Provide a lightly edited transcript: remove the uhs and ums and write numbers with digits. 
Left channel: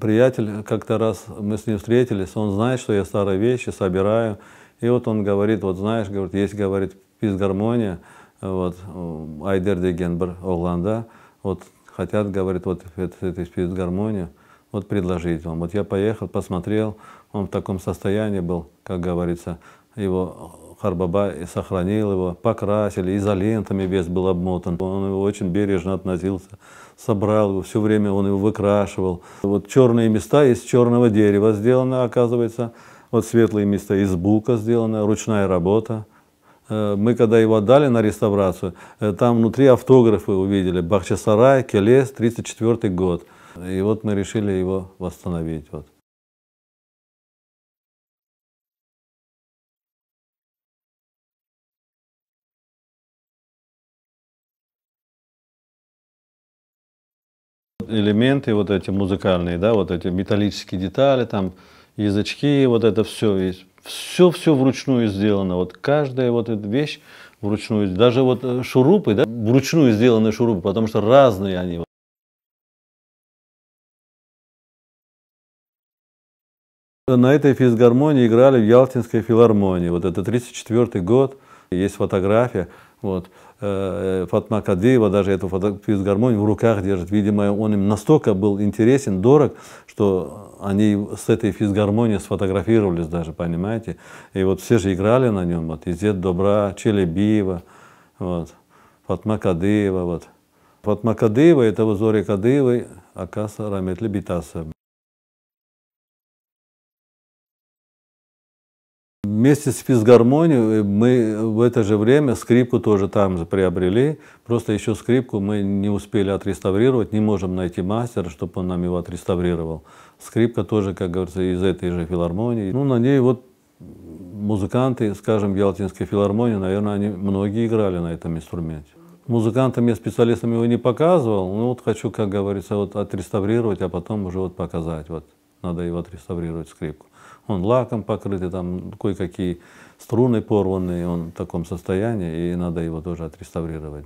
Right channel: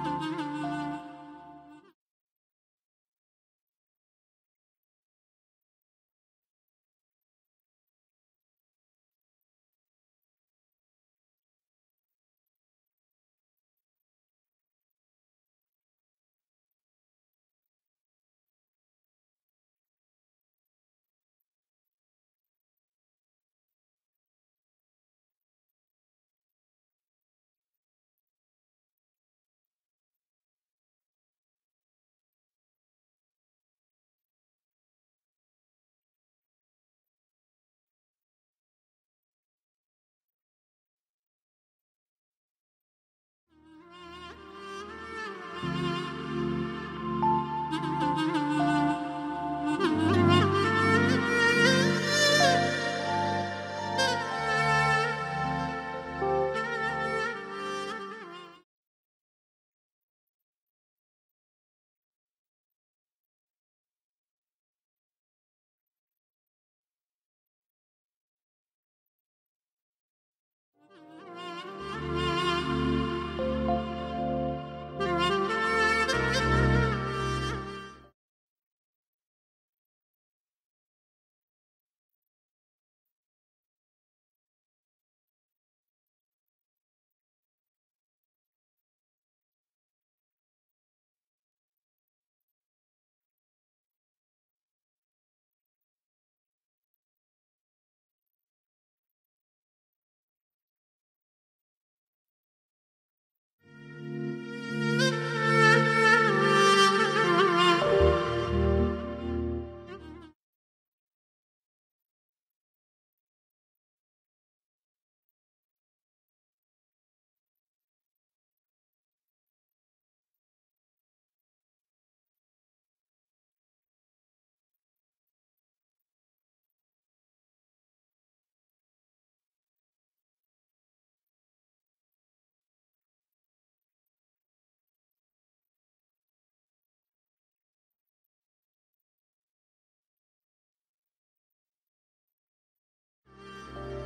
Приятель, как-то раз мы с ним встретились, он знает, что я старые вещи собираю. И вот он говорит, вот знаешь, говорит, есть, говорит, физгармония, вот, Айдер деген бір оғланда, вот, хотят, говорит, вот эту физгармонию, вот предложить вам. Вот я поехал, посмотрел, он в таком состоянии был, как говорится, его Харбаба и сохранил его, покрасили, изолентами весь был обмотан. Он его очень бережно относился, собрал его, все время он его выкрашивал. Вот черные места из черного дерева сделаны, оказывается, вот светлые места из бука сделаны, ручная работа. Мы когда его отдали на реставрацию, там внутри автографы увидели: Бахчисарай, Келес, 1934 год. И вот мы решили его восстановить. Элементы вот эти музыкальные, да, вот эти металлические детали, там язычки, вот это все есть. Все вручную сделано. Вот каждая вот эта вещь вручную. Даже вот шурупы, да, вручную сделаны шурупы, потому что разные они. На этой физгармонии играли в Ялтинской филармонии. Вот это 1934 год. Есть фотография. Вот. Фатма Кадыева даже эту физгармонию в руках держит. Видимо, он им настолько был интересен, дорог, что они с этой физгармонией сфотографировались даже, понимаете. И вот все же играли на нем. Вот. Изет Добра, Челебиева, вот. Фатма Кадыева. Вот. Фатма Кадыева — это в Зоре Кадыевой Акаса Раметли Битаса. Вместе с физгармонией мы в это же время скрипку тоже там же приобрели. Просто еще скрипку мы не успели отреставрировать, не можем найти мастера, чтобы он нам его отреставрировал. Скрипка тоже, как говорится, из этой же филармонии. Ну, на ней вот музыканты, скажем, в Ялтинской филармонии, наверное, они многие играли на этом инструменте. Музыкантам я, специалистам его не показывал, ну вот хочу, как говорится, вот отреставрировать, а потом уже вот показать. Вот надо его отреставрировать, скрипку. Он лаком покрытый, там кое-какие струны порванные, он в таком состоянии, и надо его тоже отреставрировать.